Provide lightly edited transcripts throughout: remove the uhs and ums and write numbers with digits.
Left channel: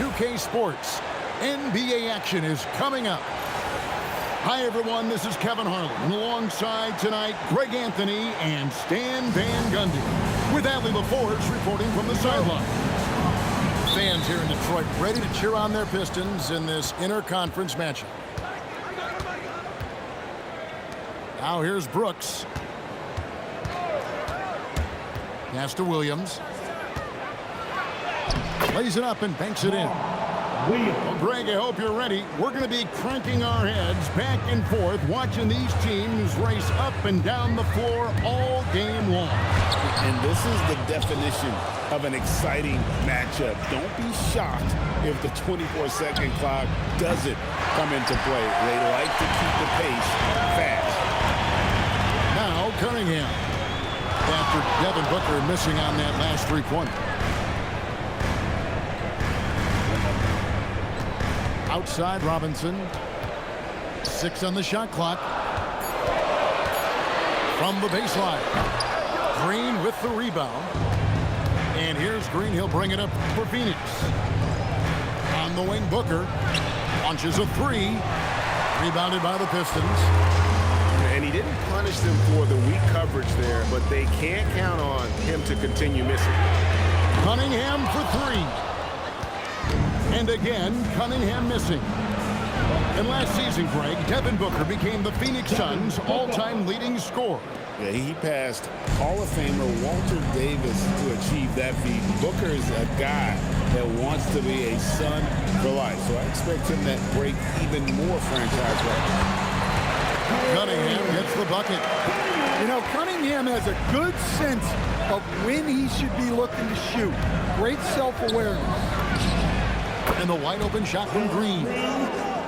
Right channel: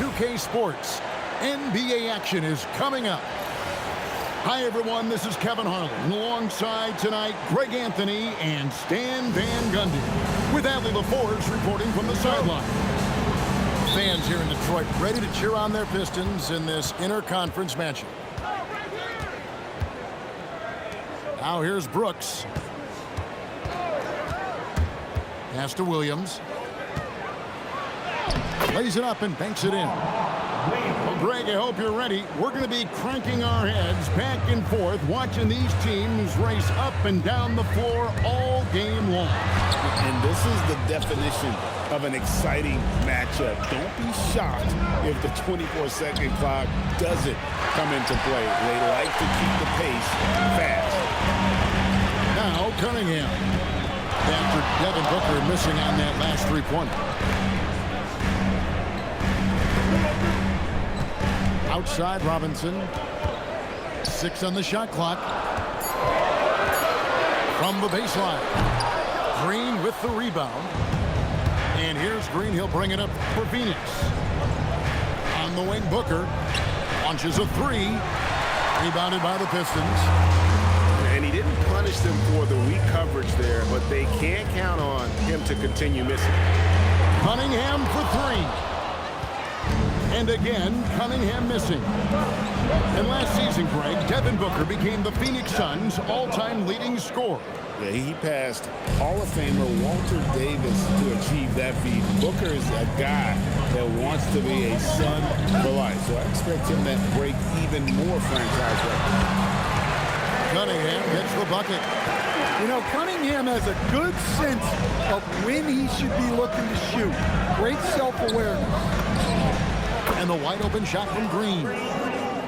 2K Sports. NBA action is coming up. Hi, everyone. This is Kevin Harlan. And alongside tonight, Greg Anthony and Stan Van Gundy. With Allie LaForge reporting from the sideline. Fans here in Detroit ready to cheer on their Pistons in this interconference matchup. Now here's Brooks. Pass to Williams. Lays it up and banks it in. Well, Greg, I hope you're ready. We're going to be cranking our heads back and forth, watching these teams race up and down the floor all game long. And this is the definition of an exciting matchup. Don't be shocked if the 24-second clock doesn't come into play. They like to keep the pace fast. Now Cunningham. After Devin Booker missing on that last three-pointer. Outside Robinson. 6 on the shot clock. From the baseline. Green with the rebound. And here's Green. He'll bring it up for Phoenix. On the wing, Booker launches a three. Rebounded by the Pistons. And he didn't punish them for the weak coverage there, but they can't count on him to continue missing. Cunningham for three. And again, Cunningham missing. And last season, Greg, Devin Booker became the Phoenix Suns' all-time leading scorer. Yeah, he passed Hall of Famer Walter Davis to achieve that feat. Booker is a guy that wants to be a Sun for life, so I expect him to break even more franchise records. Cunningham gets the bucket. You know, Cunningham has a good sense of when he should be looking to shoot. Great self-awareness. And the wide open shot from Green.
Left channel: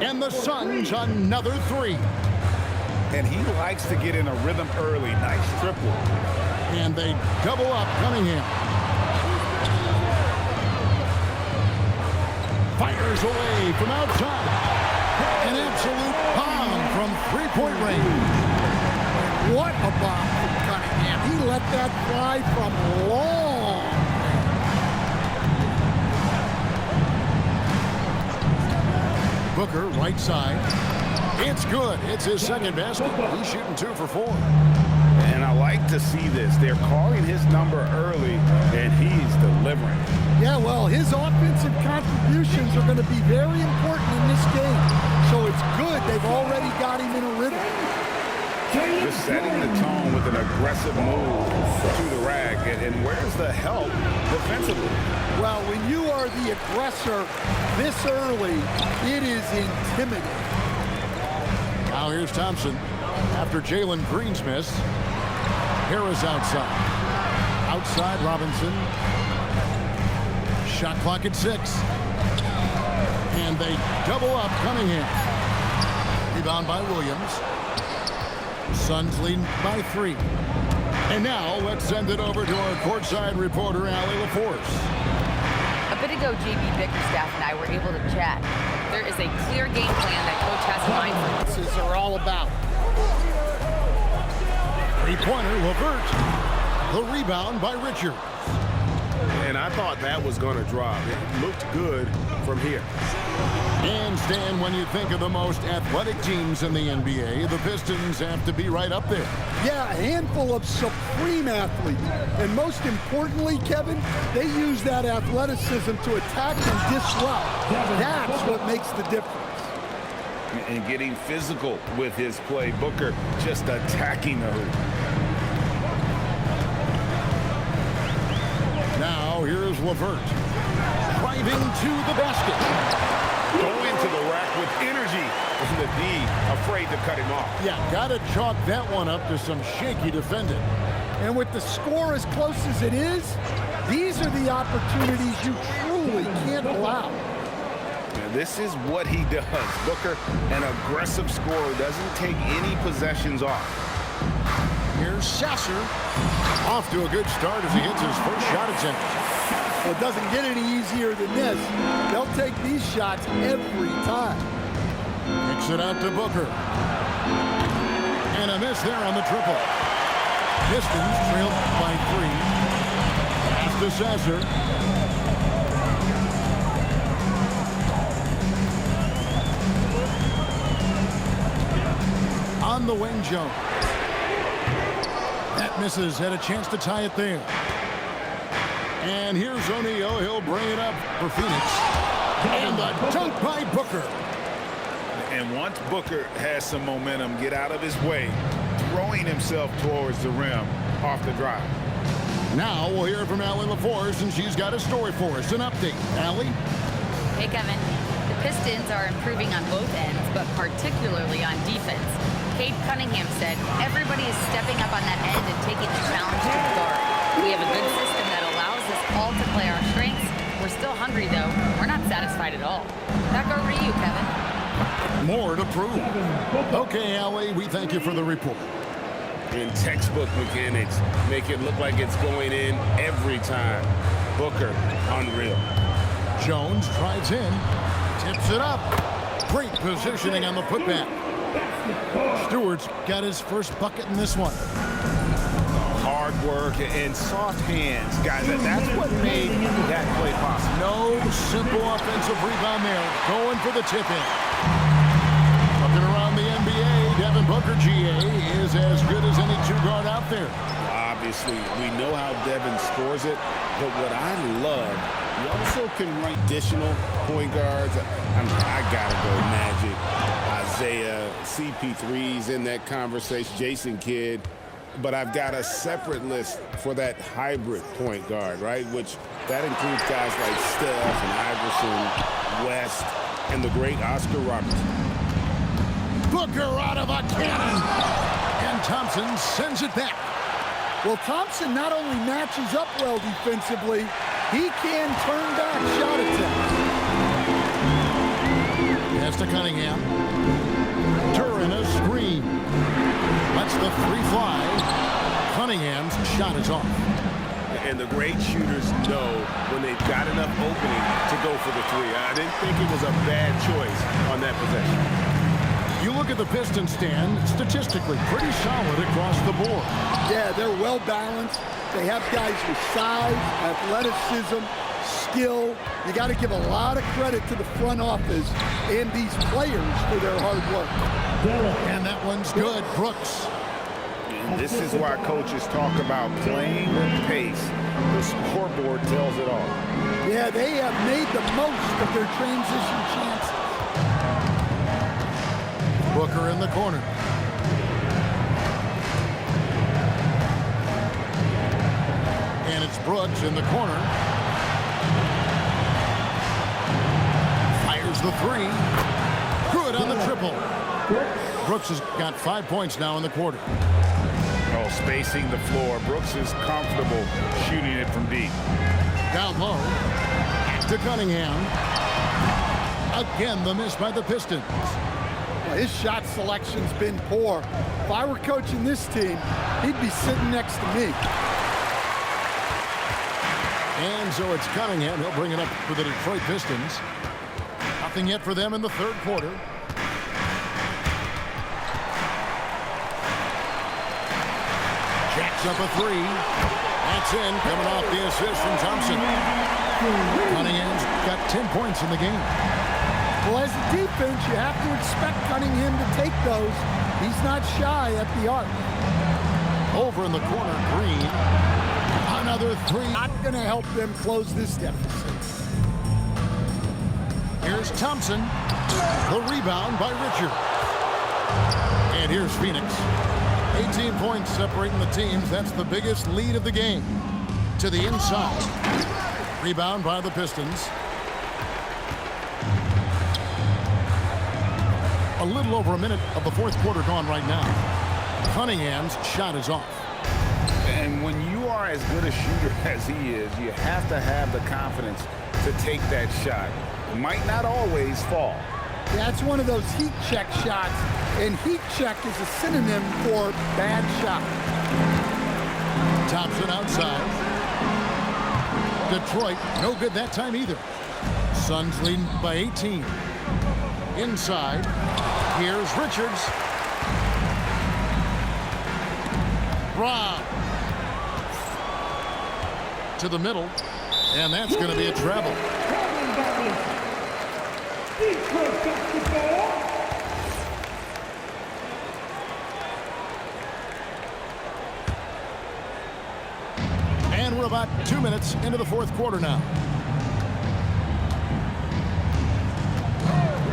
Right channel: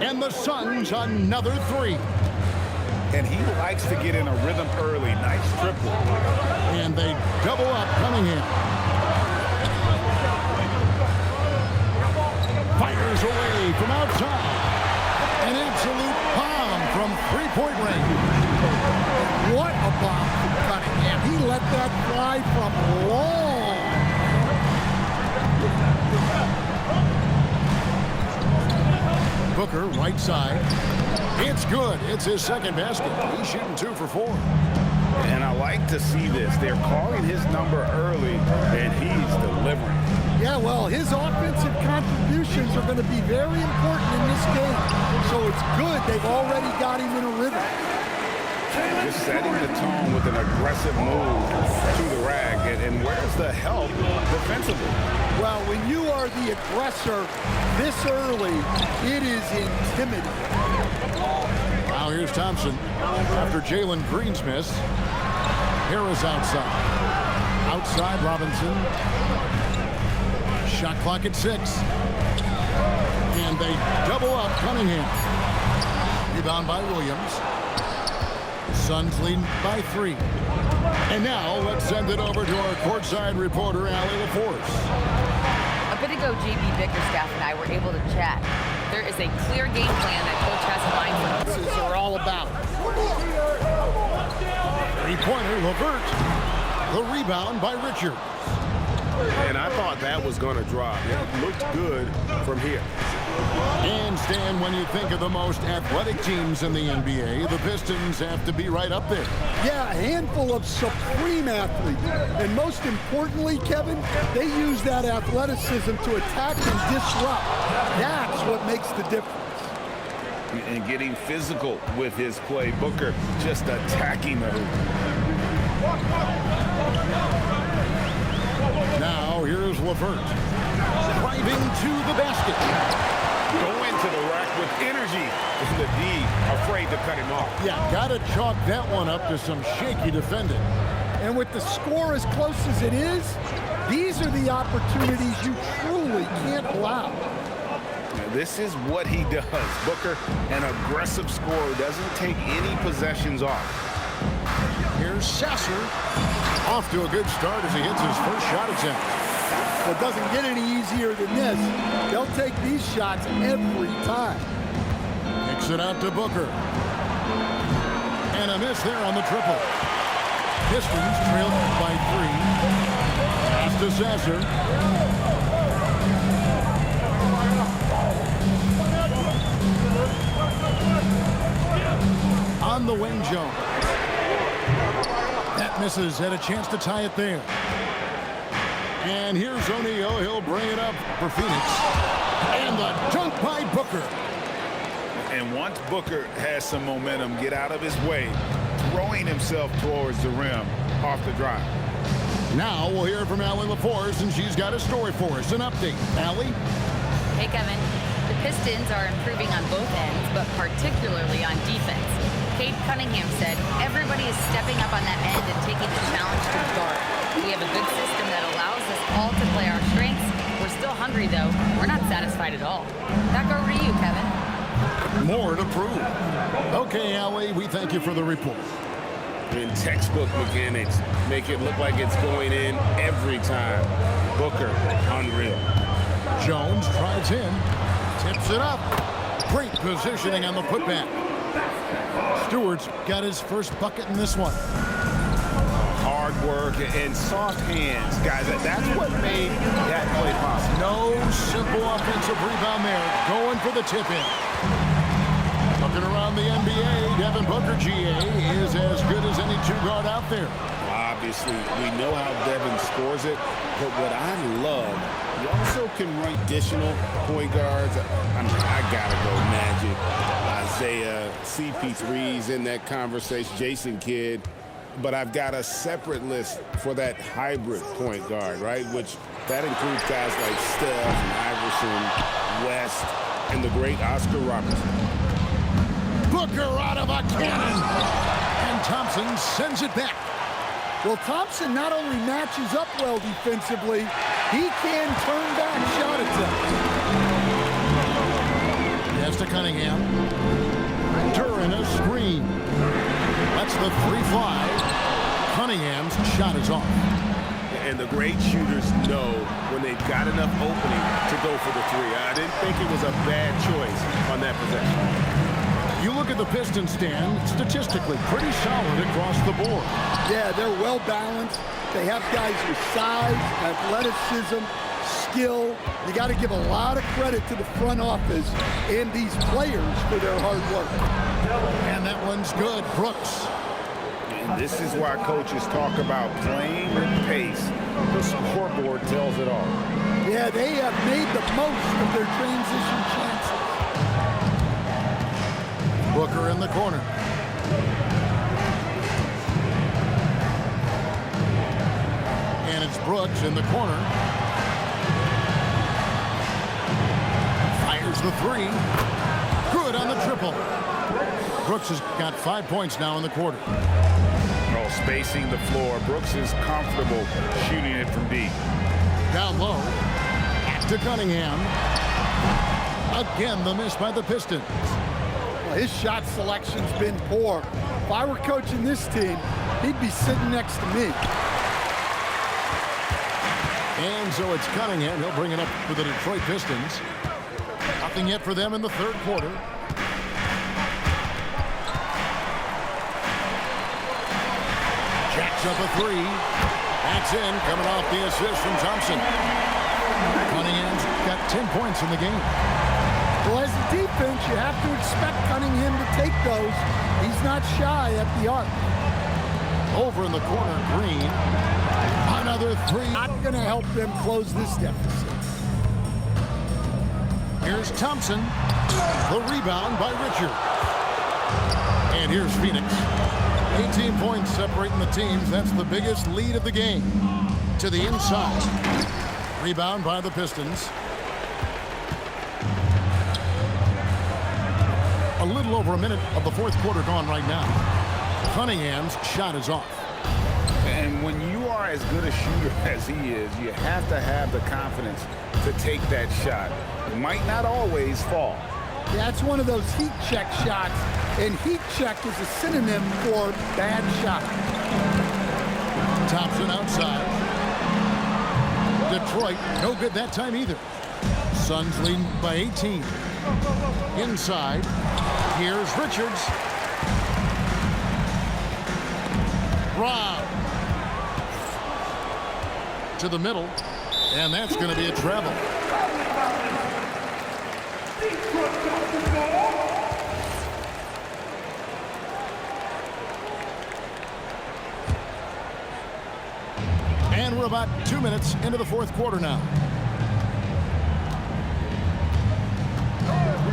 And the Suns another three. And he likes to get in a rhythm early. Nice triple. And they double up Cunningham. Fires away from outside. An absolute bomb from three-point range. What a bomb from Cunningham. He let that fly from long. Booker, right side. It's good. It's his second basket. He's shooting 2 for 4. And I like to see this. They're calling his number early, and he's delivering. Yeah, well, his offensive contributions are going to be very important in this game. So it's good they've already got him in a rhythm. Just setting the tone with an aggressive move to the rack. And where's the help defensively? Well, when you are the aggressor this early, it is intimidating. Now here's Thompson. After Jalen Green's miss, Harris outside. Outside Robinson. Shot clock at 6. And they double up Cunningham. Rebound by Williams. Suns lead by 3. And now let's send it over to our courtside reporter, Allie LaForce. A bit ago, JB Bickerstaff and I were able to chat. There is a clear game plan that Coach has in mind for This is all about. Three-pointer, LeVert. The rebound by Richards. And I thought that was going to drop. It looked good from here. And Stan, when you think of the most athletic teams in the NBA, the Pistons have to be right up there. Yeah, a handful of supreme athletes. And most importantly, Kevin, they use that athleticism to attack and disrupt. That's what makes the difference. And getting physical with his play. Booker just attacking the hoop. Now here's LeVert. Driving to the basket. Going to the rack with energy. And the D afraid to cut him off. Yeah, got to chalk that one up to some shaky defending. And with the score as close as it is, these are the opportunities you truly can't allow. Now, this is what he does. Booker, an aggressive scorer, doesn't take any possessions off. Here's Sasser. Off to a good start as he hits his first shot attempt. Well, it doesn't get any easier than this. They'll take these shots every time. Kicks it out to Booker. And a miss there on the triple. Pistons trailed by 3. Pass to Sasser. On the wing, Jones. That misses. Had a chance to tie it there. And here's O'Neal. He'll bring it up for Phoenix. And the dunk by Booker. And once Booker has some momentum, get out of his way, throwing himself towards the rim off the drive. Now we'll hear from Allie LaForce, and she's got a story for us. An update. Allie? Hey, Kevin. The Pistons are improving on both ends, but particularly on defense. Cade Cunningham said, everybody is stepping up on that end and taking the challenge to guard. We have a good system that allows us all to play our strengths. We're still hungry, though. We're not satisfied at all. Back over to you, Kevin. More to prove. Okay, Allie, we thank you for the report. In textbook mechanics, make it look like it's going in every time. Booker, unreal. Jones drives in, tips it up. Great positioning on the putback. Stewart's got his first bucket in this one. Hard work and soft hands, guys. That's what made that play possible. No simple offensive rebound there. Going for the tip-in. Looking around the NBA, Devin Booker, GA, is as good as any two-guard out there. Obviously, we know how Devin scores it, but what I love, he also can run additional point guards. I gotta go Magic, Isaiah, CP3's in that conversation, Jason Kidd. But I've got a separate list for that hybrid point guard, right? Which that includes guys like Steph and Iverson, West, and the great Oscar Robertson. Booker out of a cannon. And Thompson sends it back. Well, Thompson not only matches up well defensively, he can turn back shot attempts. Pass to Cunningham. Duran a screen. Lets the three fly. Cunningham's shot is off. And the great shooters know when they've got enough opening to go for the three. I didn't think it was a bad choice on that possession. You look at the Pistons stand, statistically pretty solid across the board. Yeah, they're well balanced. They have guys with size, athleticism, skill. You got to give a lot of credit to the front office and these players for their hard work. And that one's good. Brooks. And this is why coaches talk about playing with pace. The scoreboard tells it all. Yeah, they have made the most of their transition chances. Booker in the corner. And it's Brooks in the corner. Fires the three. Good on the triple. Brooks has got 5 points now in the quarter. Oh, spacing the floor. Brooks is comfortable shooting it from deep. Down low. Back to Cunningham. Again, the miss by the Pistons. Well, his shot selection's been poor. If I were coaching this team, he'd be sitting next to me. And so it's Cunningham. He'll bring it up for the Detroit Pistons. Nothing yet for them in the third quarter. Jacks up a three. That's in, coming off the assist from Thompson. Cunningham's got 10 points in the game. Well, as a defense, you have to expect Cunningham to take those. He's not shy at the arc. Over in the corner, Green. Another three. Not going to help them close this deficit. Here's Thompson. The rebound by Richard. And here's Phoenix. 18 points separating the teams. That's the biggest lead of the game. To the inside. Rebound by the Pistons. A little over a minute of the fourth quarter gone right now. Cunningham's shot is off. And when you are as good a shooter as he is, you have to have the confidence to take that shot. It might not always fall. Yeah, it's one of those heat check shots, and heat check is a synonym for bad shot. Thompson outside. Detroit, no good that time either. Suns leading by 18. Inside, here's Richards. Rob. To the middle, and that's going to be a travel. We're about 2 minutes into the fourth quarter now.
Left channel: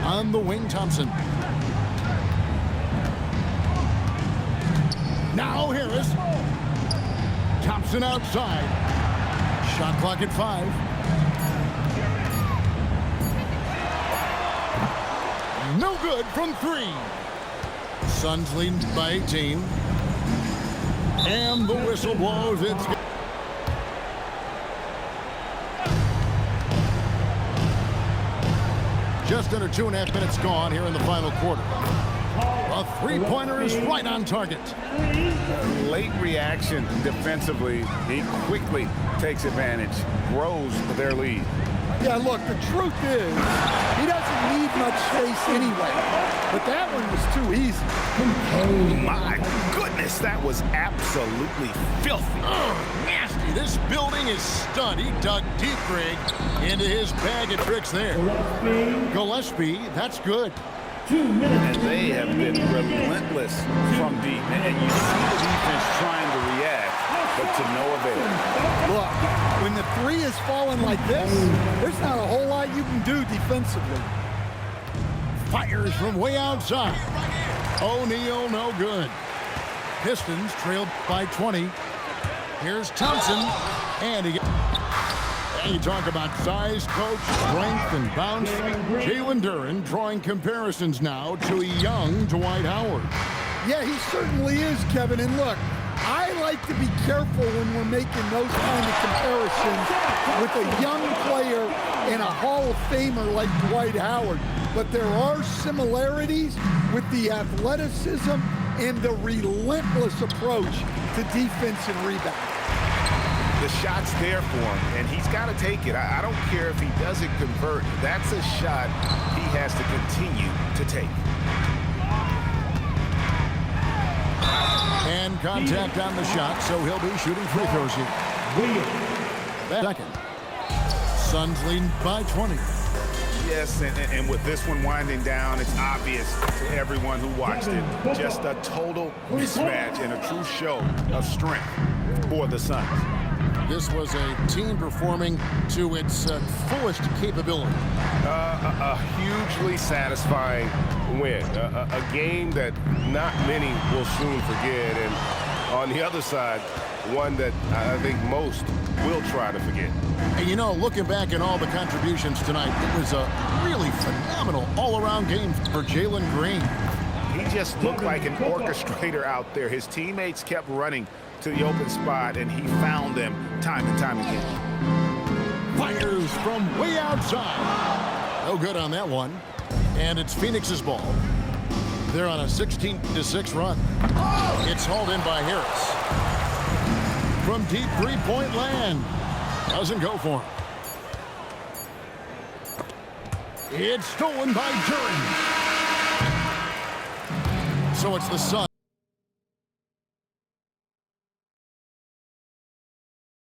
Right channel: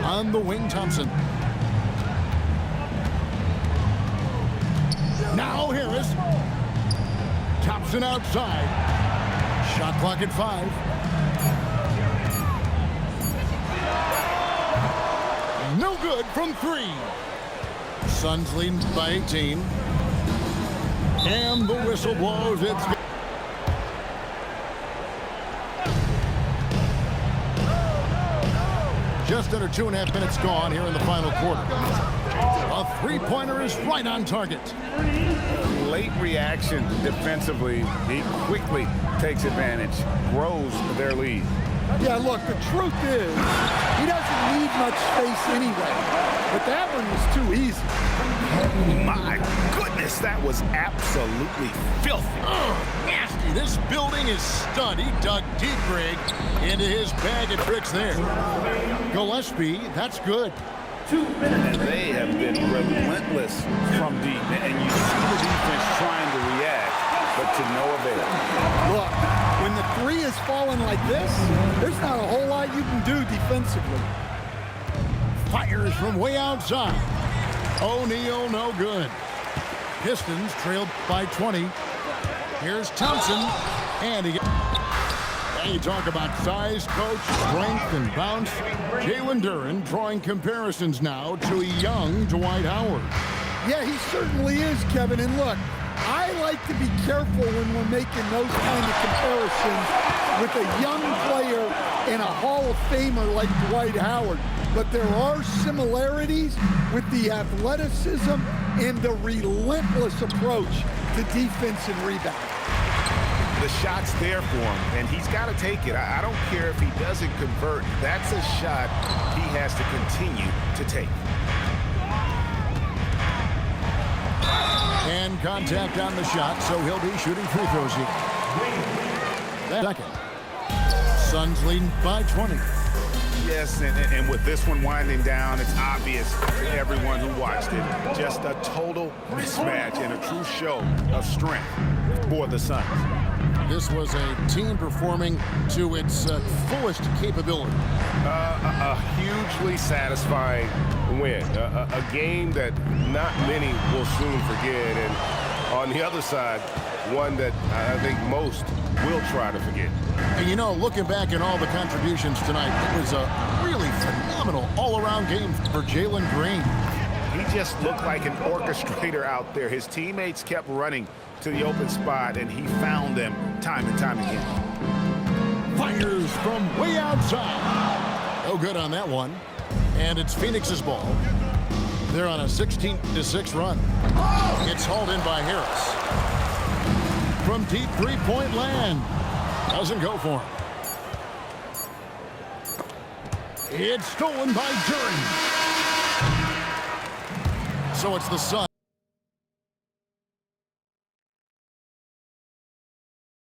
On the wing, Thompson. Now Harris. Thompson outside. Shot clock at 5. No good from 3. Suns leading by 18. And the whistle blows. It's just under 2.5 minutes gone here in the final quarter. A three-pointer is right on target. Late reaction defensively. He quickly takes advantage, grows their lead. Yeah, look, the truth is, he doesn't need much space anyway. But that one was too easy. My goodness, that was absolutely filthy. Nasty. This building is stud. He dug deep, Greg, into his bag of tricks there. Gillespie, that's good. And they have been relentless from deep. And you see the defense trying to react, but to no avail. Look, when the 3 is falling like this, there's not a whole lot you can do defensively. Fires from way outside. O'Neal, no good. Pistons trailed by 20. Here's Thompson. And he... You talk about size, coach, strength, and bounce. Jalen Duren drawing comparisons now to a young Dwight Howard. Yeah, he certainly is, Kevin. And look, I like to be careful when we're making those kind of comparisons with a young player and a Hall of Famer like Dwight Howard. But there are similarities with the athleticism and the relentless approach to defense and rebound. The shot's there for him, and he's got to take it. I don't care if he doesn't convert. That's a shot he has to continue to take. And contact on the shot, so he'll be shooting free throws here. Second. Suns leading by 20. Yes, and with this one winding down, it's obvious to everyone who watched it. Just a total mismatch and a true show of strength for the Suns. This was a team performing to its fullest capability. A hugely satisfying win. A game that not many will soon forget. And on the other side, one that I think most will try to forget. And you know, looking back at all the contributions tonight, it was a really phenomenal all-around game for Jalen Green. He just looked like an orchestrator out there. His teammates kept running to the open spot, and he found them time and time again. Fires from way outside. No good on that one. And it's Phoenix's ball. They're on a 16-6 run. It's hauled in by Harris. From deep three-point land. Doesn't go for him. It's stolen by Duren. So it's the Suns.